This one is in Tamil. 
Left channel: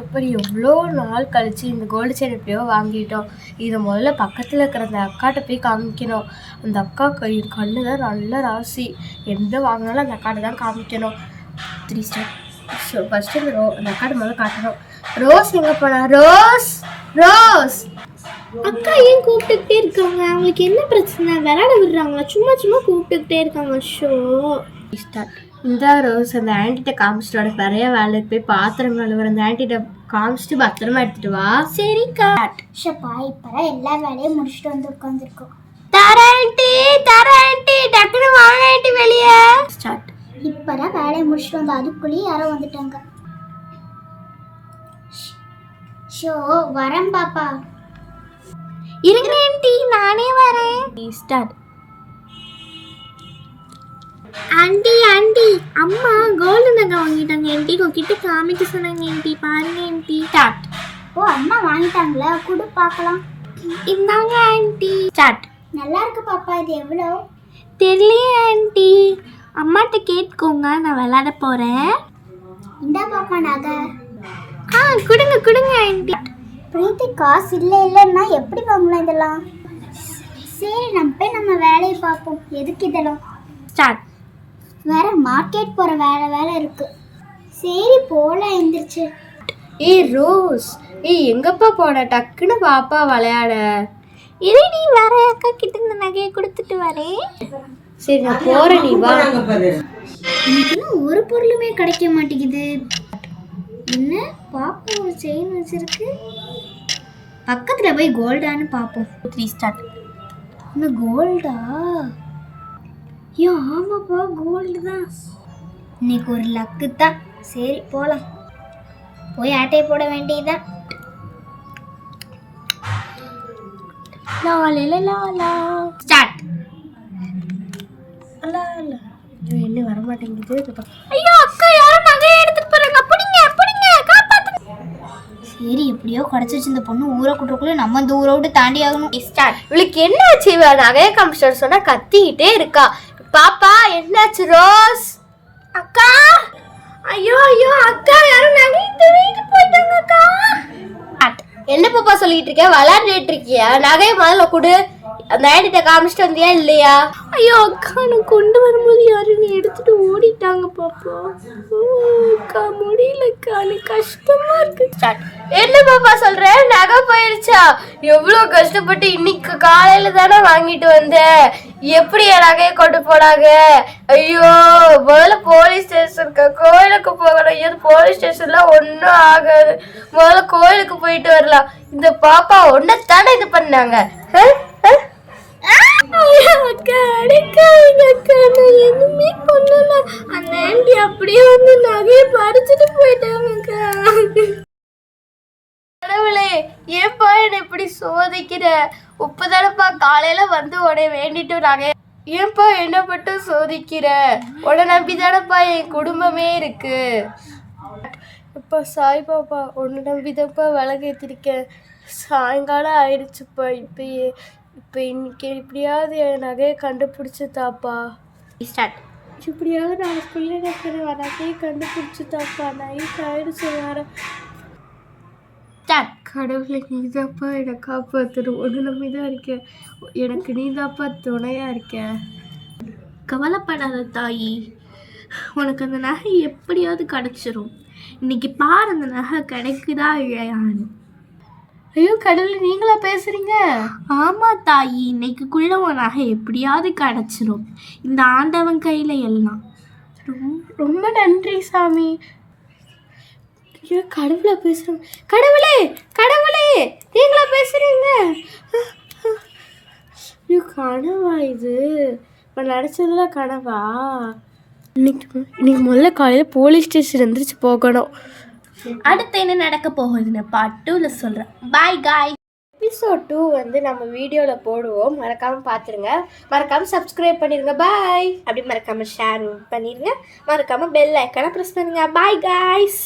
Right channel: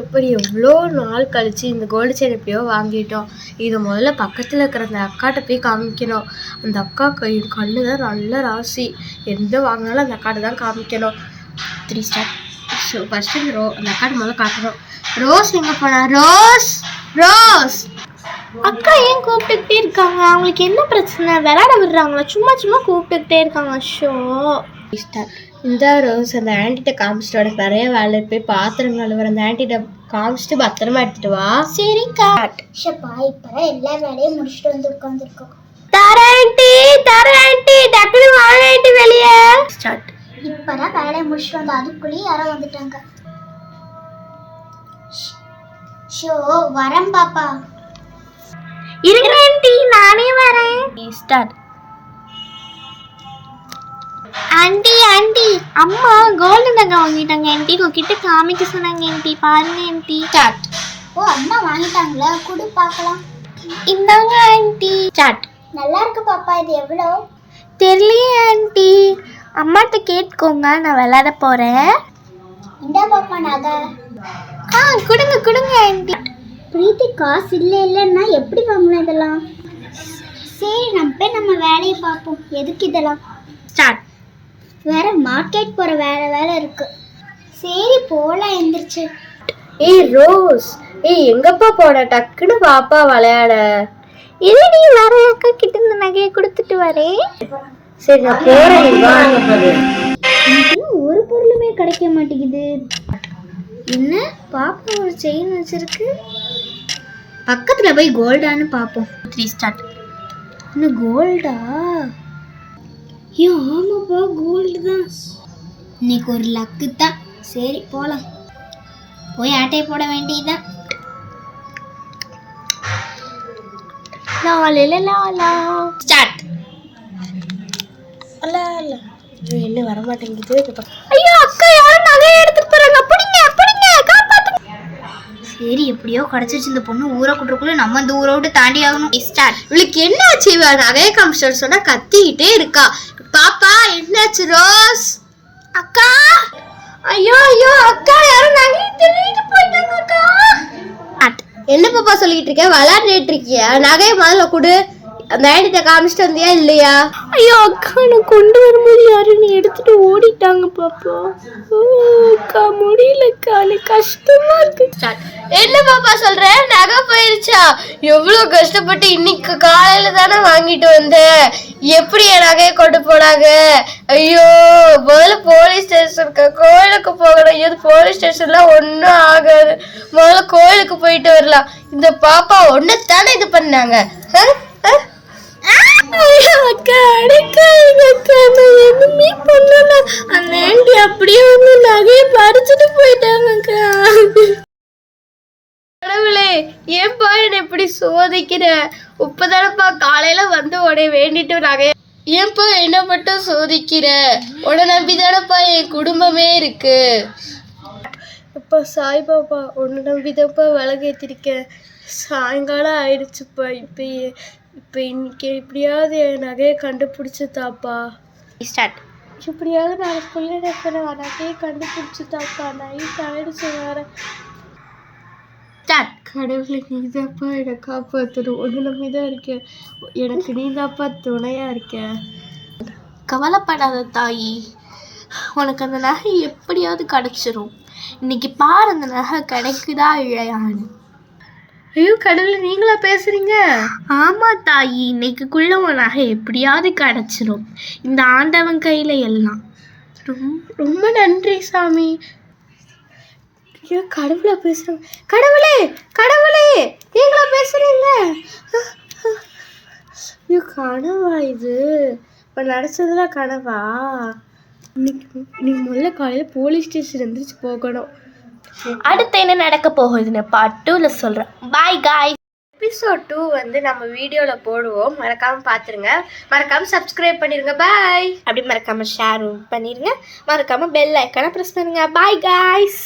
எப்படியோ எவ்வளோ நாள் கழிச்சு இந்த கோல்டு செயின் எப்படியோ வாங்கிட்டோம். இது முதல்ல பக்கத்தில் இருக்கிற அந்த அக்காட்ட போய் காமிக்கணும். அந்த அக்கா கண்ணு தான் நல்ல ராசி. எந்த வாங்கினாலும் அந்த அக்காட்ட தான் காமிக்கணும். 3 ஸ்டார். ஃபர்ஸ்ட் அந்த அக்காட்ட முதல்ல காட்டணும். ரோஸ் எங்கே போனா? ரோஸ் ரோஸ் அக்கா ஏன் கூப்பிட்டுக்கிட்டே இருக்காங்க? அவங்களுக்கு என்ன பிரச்சனை? விளையாட விடுறாங்களா? சும்மா சும்மா கூப்பிட்டுக்கிட்டே இருக்காங்க. Show start. இந்த ரோஸ் அந்த ஆன்ட்டிகிட்ட காமிச்சிட்டு உனக்கு நிறைய வேலை போய் பாத்திரம் கழுவுற அந்த ஆன்ட்டிகிட்ட காமிச்சிட்டு பத்திரமா எடுத்துட்டு வா. சரிக்கா. ஷப்பா இப்பதான் எல்லா வேலையும் முடிச்சுட்டு வந்து உட்காந்துருக்கோம். தர ஆன்ட்டி டக்குனு வாங்க ஆன்ட்டி வெளியே. ஸ்டார்ட். இப்பதான் வேலையை முடிச்சுட்டு வந்து அதுக்குள்ளேயே யாரோ வந்துட்டாங்க. ஷோ வரேன் பாப்பா. இருங்க ஆன்ட்டி நானே வரேன். ஸ்டார்ட். ஆன்ட்டி அம்மா கோல்டு நகை வாங்கிட்டாங்க ஆன்ட்டி. உங்ககிட்ட காமிக்க சொன்னாங்க ஆன்ட்டி. பாருங்க ஆன்ட்டி. ஸ்டார்ட். ஓ அம்மா வாங்கிட்டாங்களா? குடு பார்க்கலாம். இந்தாங்க ஆன்ட்டி. ஸ்டார்ட். நல்லா இருக்கு பாப்பா. இது எவ்வளோ? தெரியலையே ஆன்ட்டி. அம்மாட்ட கேட்டுக்கோங்க, நான் விளையாட போறேன். இந்தா பாப்பா நகை. கொடுங்க ஆன்ட்டி. பிரீத்தி காசு இல்லைன்னா எப்படி வாங்கலாம் இதெல்லாம்? சரி நம்ம வேலையை பார்ப்போம். எதுக்கு இதெல்லாம்? ஸ்டார்ட். வேற மார்க்கெட் போற வேலை இருக்கு. சரி போலாம் எந்திரிச்சு. ரோஸ் எங்கப்பா போன? டக்குன்னு பாப்பா விளையாட. நீ வர அக்கா கிட்ட இந்த நகையை கொடுத்துட்டு வரேன். சரி நான் போறேன். இன்னும் ஒரு பொருளுமே கிடைக்க மாட்டேங்குது. என்ன பாப்பா ஒரு செயின் வச்சிருக்கு. பக்கத்துல போய் கோல்டான்னு பார்ப்போம். 3 ஸ்டார்ட். இன்னும் கோல்டா? ஆமாப்பா கோல்டு தான். இன்னைக்கு ஒரு லக்கு தான். சரி போலாம். போய் ஆட்டையை போட வேண்டியதுதான். ஸ்டார்ட். என்ன வர மாட்டேங்குது. ஐயோ அக்கா யாரும் நகையை எடுத்துட்டு போறாங்க. அப்படிங்க காப்பாத்துங்க. சரி எப்படியோ கிடைச்சிச்சு. இந்த பொண்ணு ஊரை கூட்டுக்குள்ள நம்ம இந்த ஊரை விட்டு தாண்டி ஆகணும். ஸ்டார்ட். இவளுக்கு என்ன ஆச்சு? நகைய காமிச்சிட்டு சொன்னா கத்திக்கிட்டே இருக்கா. பாப்பா என்னாச்சு? ரோஸ் அக்கா ஐயோ அக்கா யாரும் நகையை திருடிட்டு போயிட்டாங்க அக்கா. என்ன பாப்பா சொல்லிட்டு இருக்க? விளையாடிட்டு இருக்கியா? நகைய முதல்ல கொடு. அந்த ஆன்ட்டிட்ட காமிச்சிட்டு வந்தியா இல்லையா? ஐயோ அக்கா நான் கொண்டு வரும்போது யாரும் எடுத்துட்டு ஓடிட்டாங்க பாப்பா. அக்கா முடியலக்கா, எனக்கு கஷ்டமா இருக்கு. என்ன பாப்பா சொல்ற? நகை போயிருச்சா? எவ்வளவு கஷ்டப்பட்டு இன்னைக்கு காலையில தானே வாங்கிட்டு வந்த. எப்படி என் நகையை கொண்டு போனாங்க? ஐயோ முதல்ல போலீஸ் ஸ்டேஷனுக்கு கோயிலுக்கு போகணும். எது போலீஸ் ஸ்டேஷன்ல ஒன்னும் ஆகாது. முதல்ல கோயிலுக்கு போயிட்டு வரலாம். இந்த பாப்பா ஒன்னத்தானே இது பண்ணாங்க. அக்கா அடைக்காதீங்க அக்கா, நான் எதுவுமே பண்ணல. அந்த ஆன்ட்டி அப்படியே வந்து நகையை பறிச்சுட்டு போயிட்டாங்க அக்கா. கடவுளே ஏன்பா என்ன இப்படி சோதிக்கிற? இப்பதானப்பா காலையில வந்து உடனே வேண்டிட்டு நகை. ஏன்பா என்ன மட்டும் சோதிக்கிற? உன்னை நம்பிதானப்பா என் குடும்பமே இருக்கு. அப்பா சாய் பாப்பா உன்னை நம்பிதான்ப்பா விலகேற்றிருக்கேன். சாயங்காலம் ஆயிடுச்சுப்பா. இப்போ இன்னைக்கு எப்படியாவது என் நகையை கண்டுபிடிச்சி தாப்பா. ஸ்டார்ட். இப்படியாவது நாளைக்குள்ளே நான் நகையை கண்டுபிடிச்சி தாப்பா. நைட் ஆயிடுச்சு வேற. ஸ்டார்ட். கடவுளை நீதாப்பா என்னை காப்பாற்றணும். ஒன்று நம்பிதான் இருக்கேன். எனக்கு நீதாப்பா துணையா இருக்கேன். கவலைப்படாத தாயி, உனக்கு அந்த நகை எப்படியாவது கிடைச்சிரும். இன்னைக்கு பாரு அந்த நகை கிடைக்குதா இல்லையான்னு. ஐயோ கடவுளை நீங்களா பேசுறீங்க? ஆமா தாயி, இன்னைக்குள்ள உன் நகை எப்படியாவது கிடைச்சிரும். இந்த ஆண்டவன் கையில எல்லாம். ரொம்ப நன்றி சாமி. ஐயோ கடவுளை பேசுறோம். கடவுளே நீங்களா பேசுறீங்க? ஐயோ கனவா இது? இப்போ நடிச்சதுலாம் கனவா? இன்னைக்கு முதல்ல காலையில் போலீஸ் ஸ்டேஷன் எந்திரிச்சு போகணும். அடுத்து என்ன நடக்க போகுதுன்னு பார்ட் 2ல சொல்கிறேன். Bye guys. எபிசோட் 2 வந்து நம்ம வீடியோவில் போடுவோம். மறக்காமல் பார்த்துருங்க. மறக்காமல் சப்ஸ்கிரைப் பண்ணிடுங்க. பாய். அப்படி மறக்காமல் ஷேரும் பண்ணிடுங்க. மறக்காமல் பெல் ஐக்கானை ப்ரெஸ் பண்ணுங்க. Bye guys.